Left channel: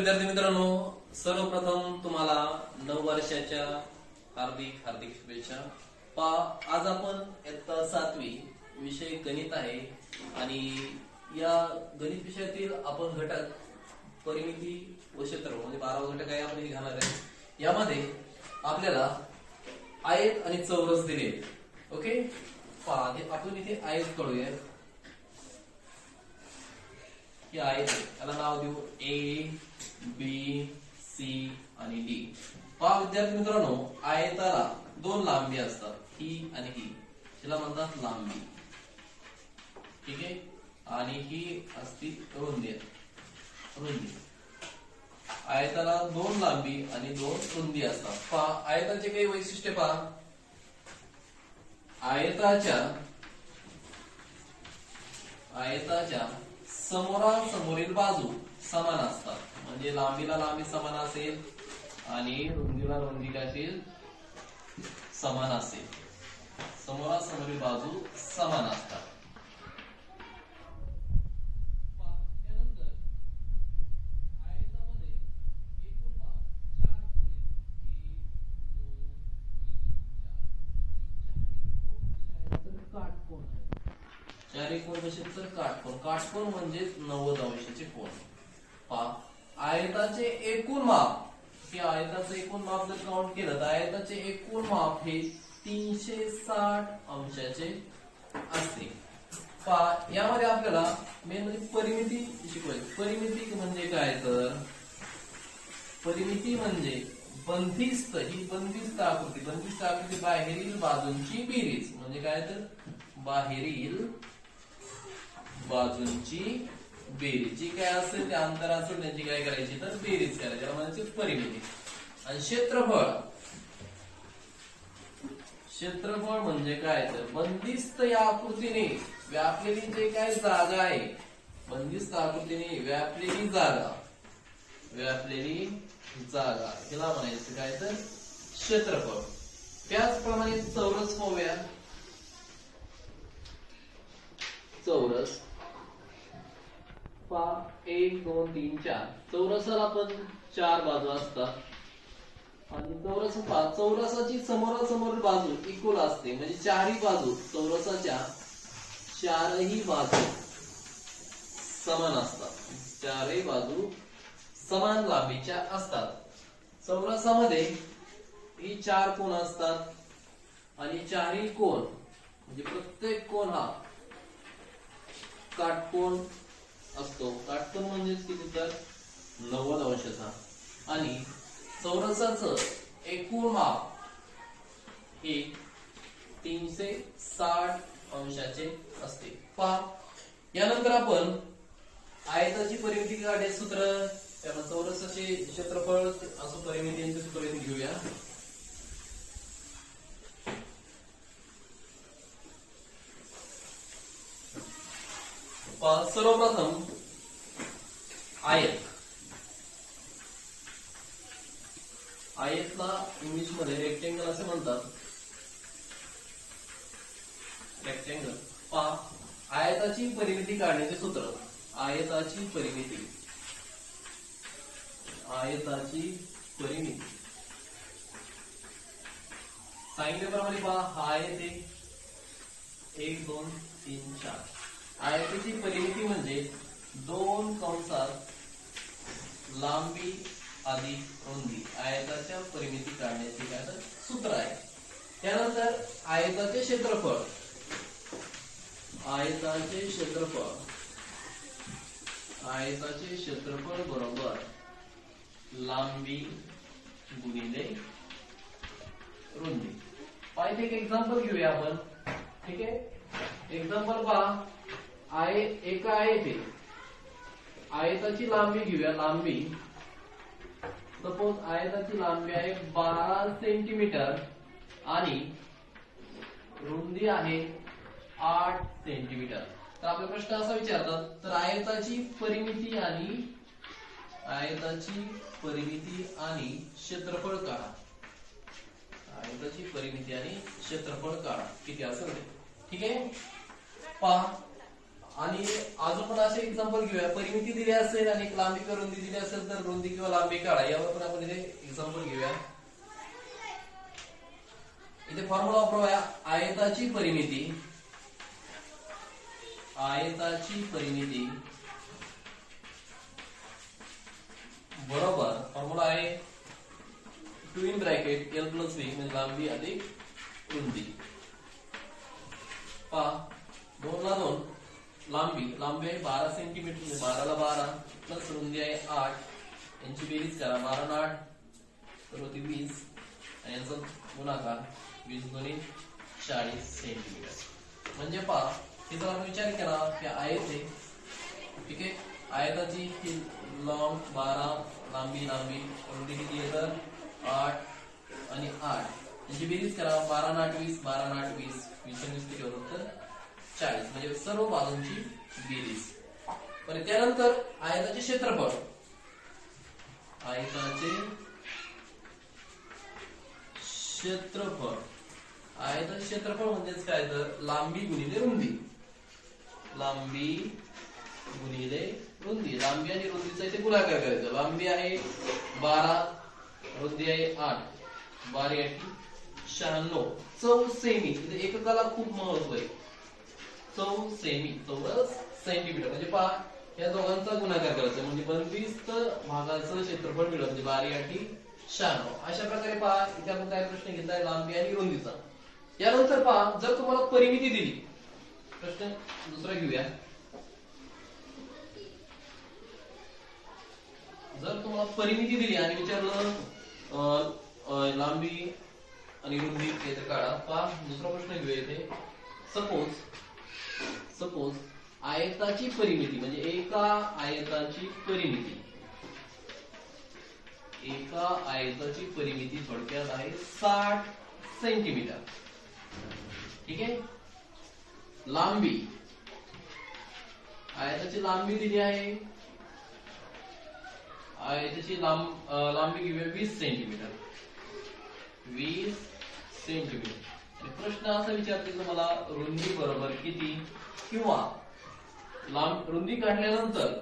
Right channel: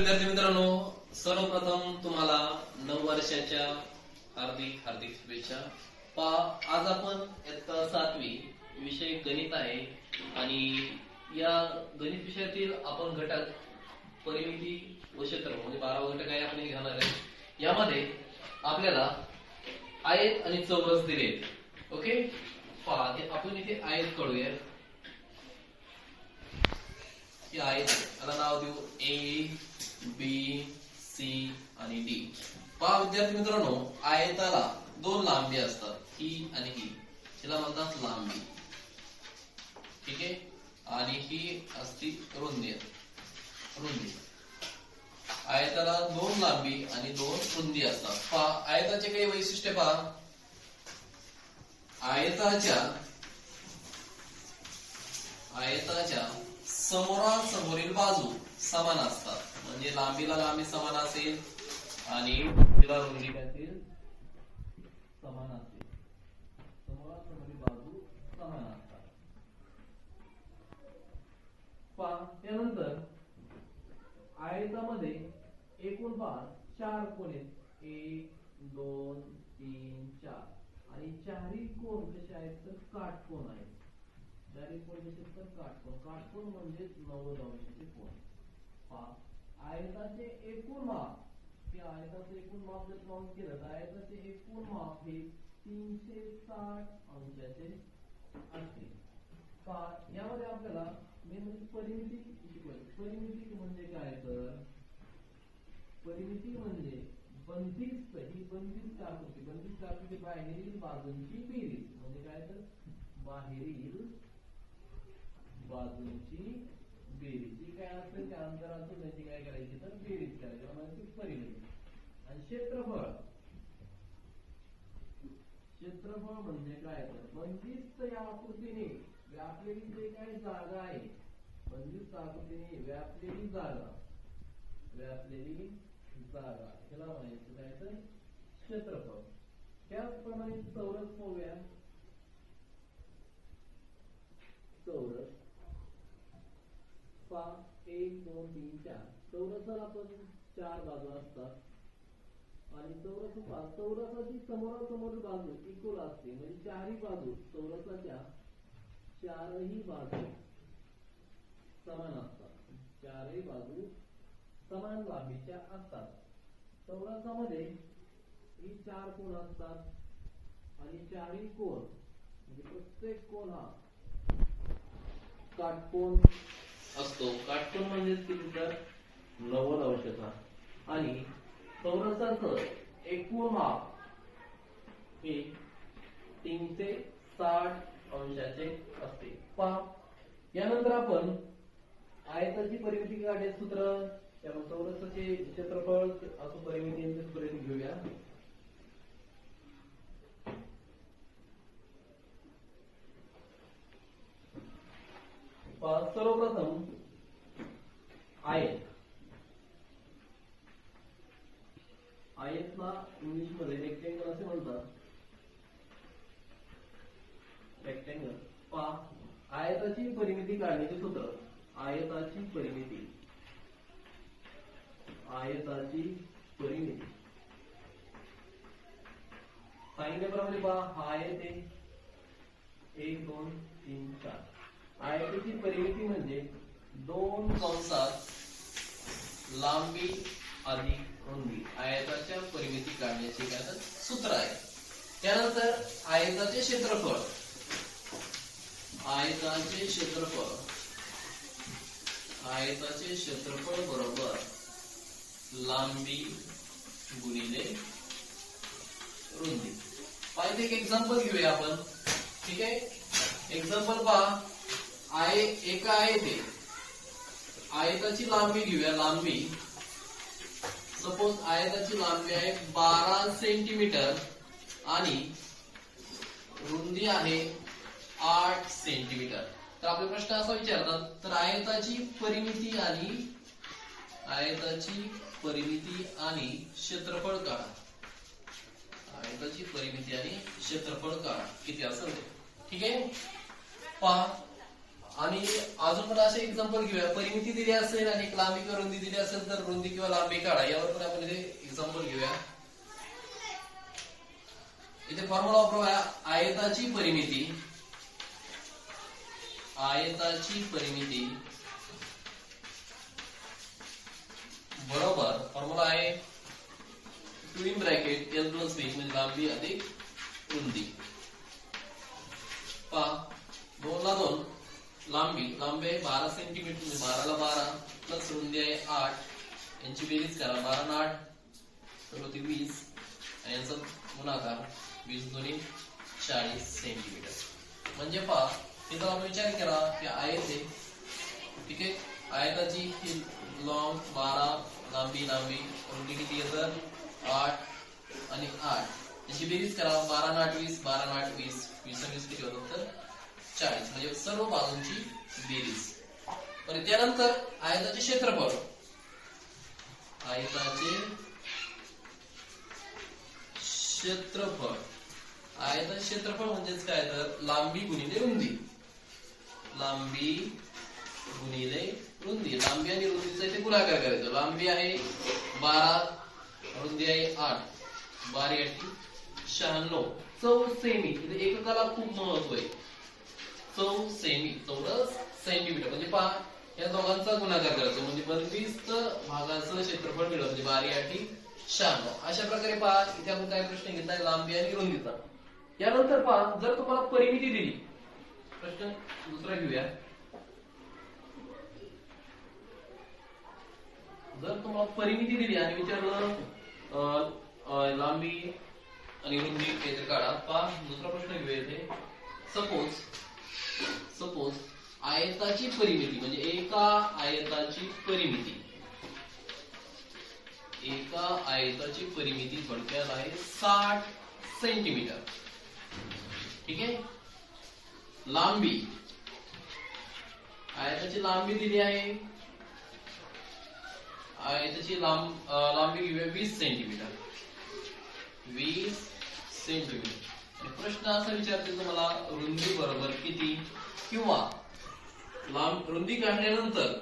विद्यार्थी मित्रांनो सर्वप्रथम तुम्हाला नव वर्षाच्या हार्दिक हार्दिक शुभेच्छा. पा आज आपण इयत्ता सातवी विषय गणित आहे आणि या गणित विषयातील आपण घटक परिमिती व क्षेत्र म्हणजे बारावा घटक आहे आपण घेणार आहे यामध्ये आपल्याला आयत आणि चौरस दिले ओके? पा आपण इथे आयत कळूया आयत त्याला नाव देऊ ए बी सी आणि डी. पहा विद्यार्थी मित्रांनो आयताला दोन लांबी असतात ही आणि ही हिला म्हणतात लांबी. ठीक आहे? आणि ही असती रुंदी. रुंदी. आयताला दोन लांबी आणि दोन रुंदी असतात. पहा आयताचे काही वैशिष्ट्य पहा. आयताच्या आयताच्या समोरासमोरील बाजू समान असतात. म्हणजे लांबीला लांबी समान असेल आणि रुंदीला रुंदी काय असेल समान असेल. समोरासमोरील बाजू समान असतात. पहा त्यानंतर आयतामध्ये एकूण पाच चार कोण आहेत एक दोन तीन चार आणि चारही कोण कसे आहेत तर काटकोण आहेत चारही कोण कसे तर काटकोण काटकोण म्हणजे नव्वद अंशाचे कोण पहा आयताचे एकूण माप. हे आयताचं एकूण माप जर काउंट केलं तर आयताचे एकूण माप हे तीनशे साठ अंशाचे असते. पहा यामध्ये आपल्याला मेन म्हणजे परिमिती शिकवायची. परिमिती म्हणजे काय तर? परिमिती म्हणजे बंदिस्त. ही बंदिस्त आकृती. बंदिस्त आकृती बाहेरील बाजूंची बेरीज. म्हणजे काय तर? बाहेरील बाजूंची बेरीज. जी काय असेल ते अंतर असेल त्यांची काय करायची? तर बेरीज करायची. त्याला म्हणायची परिमिती. आणि क्षेत्रफळ. क्षेत्रफळ म्हणजे काय? तर बंदिस्त या आकृतीने व्यापलेली जे काय जागा आहे बंदिस्त आकृतीने व्यापलेली जागा. व्यापलेली जागा. हिला म्हणायचं काय? तर क्षेत्रफळ. त्याचप्रमाणे चौरस होऊया चौरस पहा एक दोन तीन चार. चौरसाला पण चार बाजू असतात. आणि चौरस पहा चौरसाची समोरासमोर बाजू इक्वल असते. म्हणजे चारही बाजू चौरसाच्या चारही बाजू समान असतात. चारही बाजू समान लांबीच्या असतात. चौरसामध्ये ही चार कोण असतात? आणि चारही कोण? म्हणजे प्रत्येक कोण हा काटकोण असतो. काटकोन म्हणजेच किती तर? नव्वद अंशाचा. आणि चौरसाचं एकूण माप हे तीनशे साठ अंशाचे असते. पहा. यानंतर आपण आयताची परिमिती काढायचं सूत्र त्याला चौरसाचे क्षेत्रफळ असं परिमिती यांचे सूत्र घेऊया पहा, सर्वप्रथम आयत. आयतला इंग्लिशमध्ये रेक्टेंगल असे म्हणतात. रेक्टेंगल पहा आयताची परिमिती काढण्याचे सूत्र. आयताची परिमिती. आयताची परिमिती. सांगितल्याप्रमाणे पहा हा आयत एक दोन तीन चार. आयताची परिमिती म्हणजे दोन कंसात लांबी अधिक रुंदी. आयताच्या परिमिती काढण्याचे काय तर सूत्र आहे. त्यानंतर आयताचे क्षेत्रफळ. आयताचे क्षेत्रफळ. आयताचे क्षेत्रफळ बरोबर लांबी गुणिले रुंदी. पाहिजे एक एक्झाम्पल घेऊया आपण. ठीक आहे? एक्झाम्पल पहा. आय एका आयत आहे आयताची लांबी घेऊया लांबी. सपोज आयताची लांबी आहे बारा सेंटीमीटर आणि रुंदी आहे आठ सेंटीमीटर तर आपले प्रश्न असा विचारतात तर आयताची परिमिती आणि आयताची परिमिती आणि क्षेत्रफळ काढा. आयताची परिमिती आणि क्षेत्रफळ काढा. किती असेल ठीक आहे? पहा. आणि अजून पण असे एक्झाम्पल घेऊया. परिमिती दिली असेल आणि एक लांबी किंवा रुंदी दिली असेल तर रुंदी किंवा लांबी काढा. यावर पण आपण इथे एक्झाम्पल घेऊया. इथे फॉर्म्युला वापरूया. आयताची परिमिती. आयताची परिमिती. बरोबर. फॉर्म्युला आहे two in bracket L plus B म्हणजे लांबी अधिक रुंदी पहा दोन ला दोन लांबी लांबी आहे बारा सेंटीमीटर म्हणजे बाराला बारा प्लस रुंदी आहे आठ यांची बेरीज करा. बारा आठ तर होती वीस आणि यांचा गुणाकार वीस दोन्ही चाळीस सेंटीमीटर. म्हणजे पहा तिथं आपण विचार केला की आयत आहे ठीक आहे? आयताची ही लॉंग बारा लांबी लांबी रुंदी किती येतं आठ आणि आठ. याची बेरीज करा. बारा नाट वीस बारा नाट आठ वीस. वीस वीस किती होतात तर? चाळीस. म्हणजे सर्व बाजूंची बेरीज. पण त्यानंतर आयताचे क्षेत्रफळ. आयताचे क्षेत्रफळ. आयताचे क्षेत्रफळ म्हणजेच काय तर? लांबी गुणिले रुंदी. लांबी गुणिले रुंदी. लांबी आणि रुंदीचा इथे गुणाकार करायचा. लांबी आहे बारा रुंदी आहे आठ. बारी आठी शहाण्णव. चौ सेमी. इथे एककाला खूप महत्त्व आहे. चौ सेमी. चौरस सेंटीमीटर म्हणजे पहा या दोघांचा गुणाकार करायचा. म्हणजे पंचवीस भागाचं क्षेत्रफळ मिळत म्हणजे बारी आठी शहाण्णव अशा प्रकारे पहा इथे आपण काय प्रश्न घेतलाय लांबी आणि रुंदीचा. यानंतर पहा जर तुम्हाला परिमिती दिली प्रश्न दुसरा घेऊया. जर तुम्हाला परिमिती दिली आणि विचारलं अं, लांबी आणि रुंदी काढा. पहा दुसरा प्रश्न घेऊया इथे. सपोज सपोज आयताची परिमिती म्हणजे एका आयताची परिमिती. एका आयताची परिमिती थोडक्यात आहे साठ सेंटीमीटर. ठीक आहे? लांबी. आयताची लांबी दिली आहे? आयताची लांब लांबी घेऊया वीस सेंटीमीटर. वीस सेंटीमीटर. प्रश्न असा विचारते तुम्हाला रुंदी बरोबर किती किंवा लांब रुंदी काढल्यानंतर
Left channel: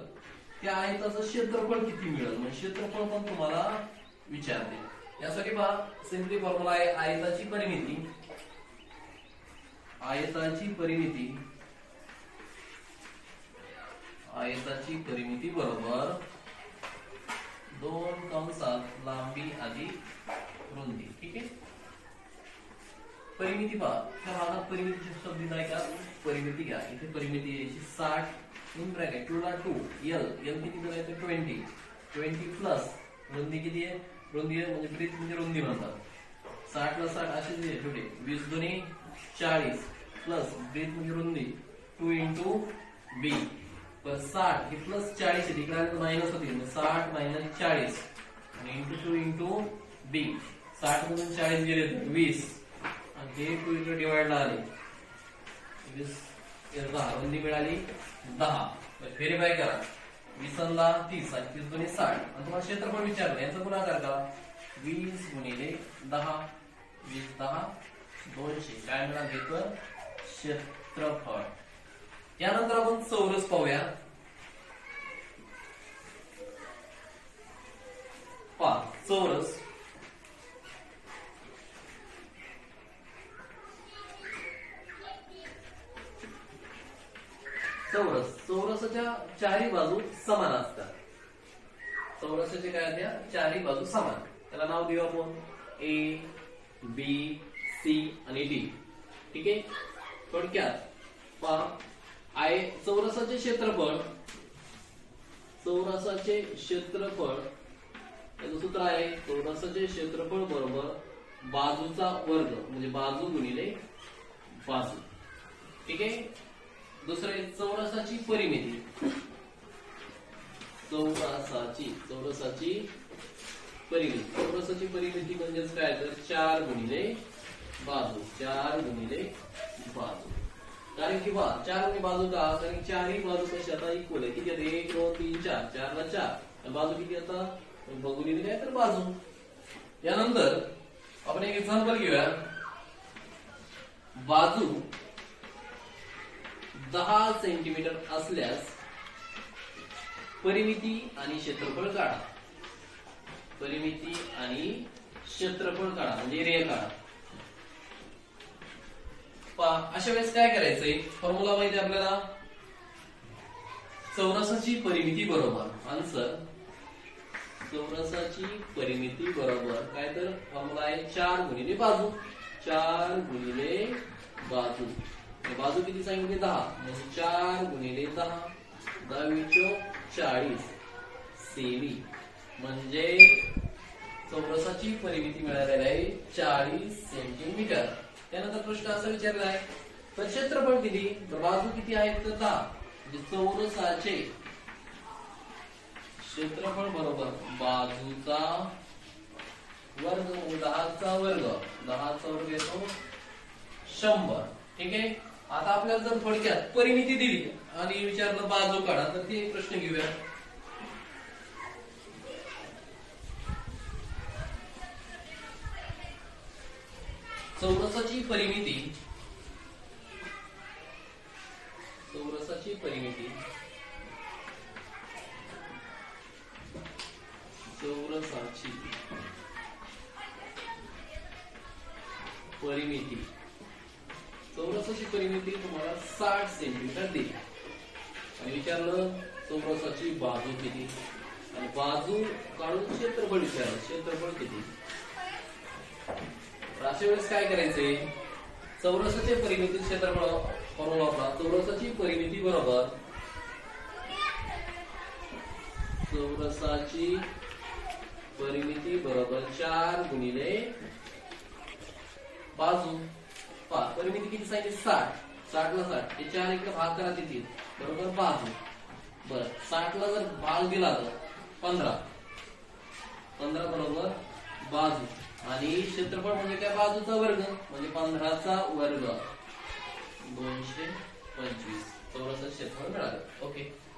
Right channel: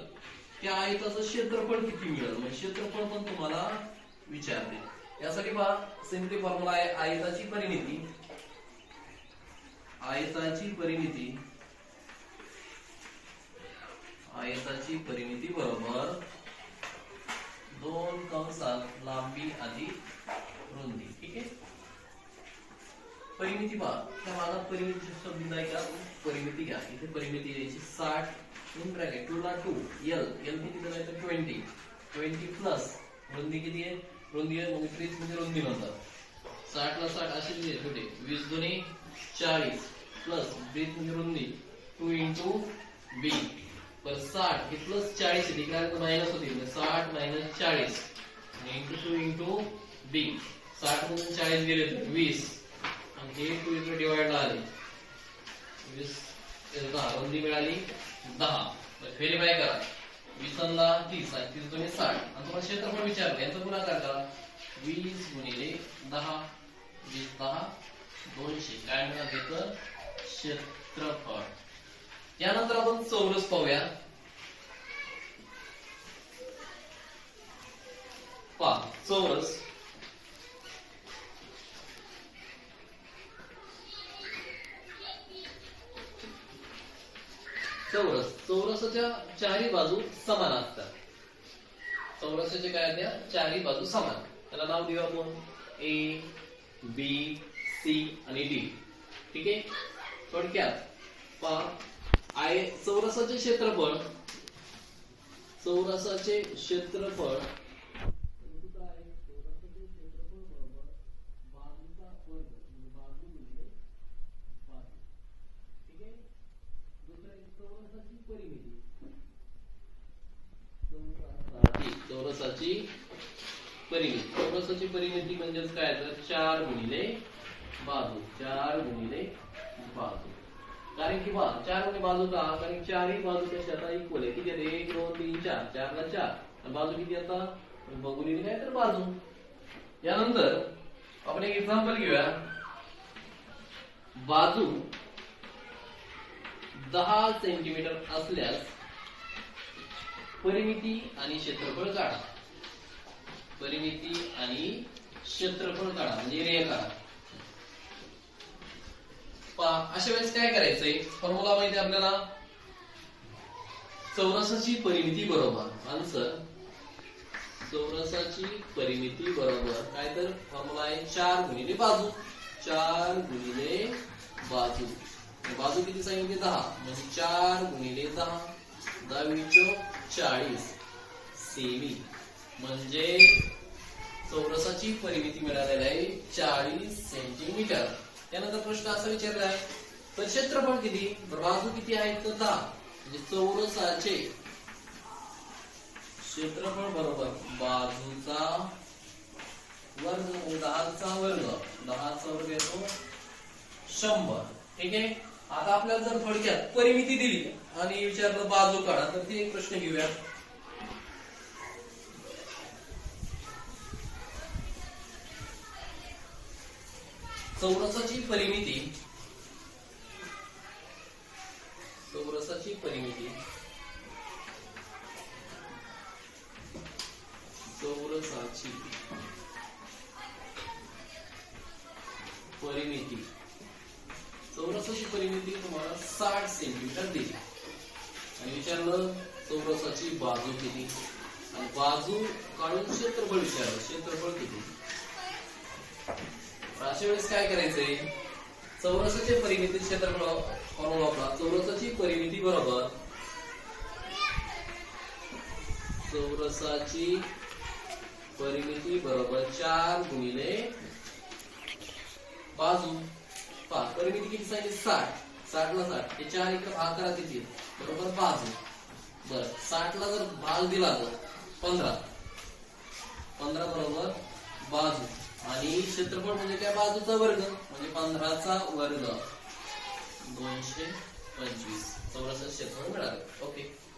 त्या आयताचं क्षेत्रफळ किती मिळेल? म्हणजे क्षेत्रफळ पण तुम्हाला विचारते. यासाठी पहा सिंपली फॉर्म्युला आहे आयताची परिमिती. आयताची परिमिती. आयताची परिमिती बरोबर दोन कंसात लांबी आधी रुंदी. ठीक आहे? परिमिती पहा. तर मला परिमिती शब्द दिलाय का? परिमिती घ्या. इथे परिमिती यायची साठ इन ब्रॅकेट टू ला टू. एल एल किती करायचं ट्वेंटी ट्वेंटी प्लस रुंदी किती आहे? रुंदी आहे म्हणजे ट्रीज म्हणजे रुंदी म्हणतात. साठ ला साठ असे दिले छोटे. वीस दोन्ही चाळीस प्लस ब्रीथ म्हणजे रुंदी. टू इंटू बी पर साठ. हे प्लस चाळीस आहे. तिकडे मायनस होती. म्हणजे साठ मायनस चाळीस. आणि इंटू टू इंटू बी साठ मधून चाळीस गेले वीस. हे टू इकडे डिवाइड आले वीस दहा रुंदी मिळाली दहा. फेरी बाय करा. वीस तीस आणि तीस दोन्ही साठ. आणि तुम्हाला क्षेत्रफळ विचारलं यांचा गुणाकार करा वीस गुणिले दहा वीस दहा दोनशे. काय मिळालं घेतं क्षेत्रफळ. त्यानंतर आपण चौरस पाहूया. पा चौरस. चौरसाच्या चारही बाजू समान असतात. चौरसाच्या काय त्या चारही बाजू समान. त्याला नाव देऊ आपण ए बी सी आणि डी ठीक आहे? थोडक्यात पहा. आय चौरसाचे क्षेत्रफळ. चौरसाचे क्षेत्रफळ. त्याचं सूत्र आहे चौरसाचे क्षेत्रफळ बरोबर बाजूचा वर्ग म्हणजे बाजू गुणिले बाजू. ठीक आहे? दुसरं आहे चौरसाची परिमिती. चौरसाची चौरसाची परिमिती. चौरसाची परिमिती म्हणजेच काय? तर चार गुणिले बाजू. चार गुणिले बाजू. कारण की बा चार गुणी बाजू का कारण चारही बाजू कशी आता इक्वल आहे? किती आहेत? एक दोन तीन चार. चारला चार. बाजू किती आता? बघून काय तर बाजू. यानंतर आपण एक एक्झाम्पल घेऊया. बाजू दहा सेंटीमीटर असल्यास परिमिती आणि क्षेत्रफळ काढा. परिमिती आणि क्षेत्रफळ काढा म्हणजे एरिया काढा. पहा अशा वेळेस काय करायचंय? फॉर्म्युला माहिती आपल्याला? चौरसाची परिमिती बरोबर. आन्सर चौरसाची परिमिती बरोबर. काय तर? फॉर्म्युला आहे चार गुणिले बाजू. चार गुणिले बाजू. बाजू किती सांगितली? दहा. म्हणजे चार गुणिले दहा. दहावी चाळीस. सेमी. म्हणजे चौरसाची परिमिती मिळालेली आहे चाळीस सेंटीमीटर. त्यानंतर प्रश्न असा विचारला आहे तर क्षेत्रफळ किती? तर बाजू किती आहे? तर दहा. म्हणजे चौरसाचे क्षेत्रफळ बरोबर बाजूचा वर्ग म्हणजे दहाचा वर्ग. दहाचा वर्ग येतो शंभर. ठीक आहे? आता आपल्याला जर थोडक्यात परिमिती दिली आणि विचारलं बाजू काढा तर ते एक प्रश्न घेऊया. चौरसाची परिमिती चौरसाची परिमिती चौरसाची परिमिती. चौरसाची परिमिती तुम्हाला साठ सेंटीमीटर दिली. आणि विचारलं चौरसाची बाजू किती? आणि बाजू काढून क्षेत्रफळ विचारलं. क्षेत्रफळ किती? अशा वेळेस काय करायचंय? चौरसाचे परिमिती क्षेत्रफळ फॉर्म्युला वापरा. चौरसाची परिमिती बरोबर चौरसाची परिमिती बरोबर चार गुणिले बाजू. पहा परिमिती किती सांगितली साठ. साठला साठ. हे चार इकडे भाग करा किती? बरोबर पाच. बर. साठ ला जर भाग दिला तर पंधरा. पंधरा बरोबर बाजू. आणि क्षेत्रफळ म्हणजे काय? बाजूचा वर्ग. म्हणजे पंधराचा वर्ग. दोनशे पंचवीस. चौरस क्षेत्रफळ मिळालं. ओके.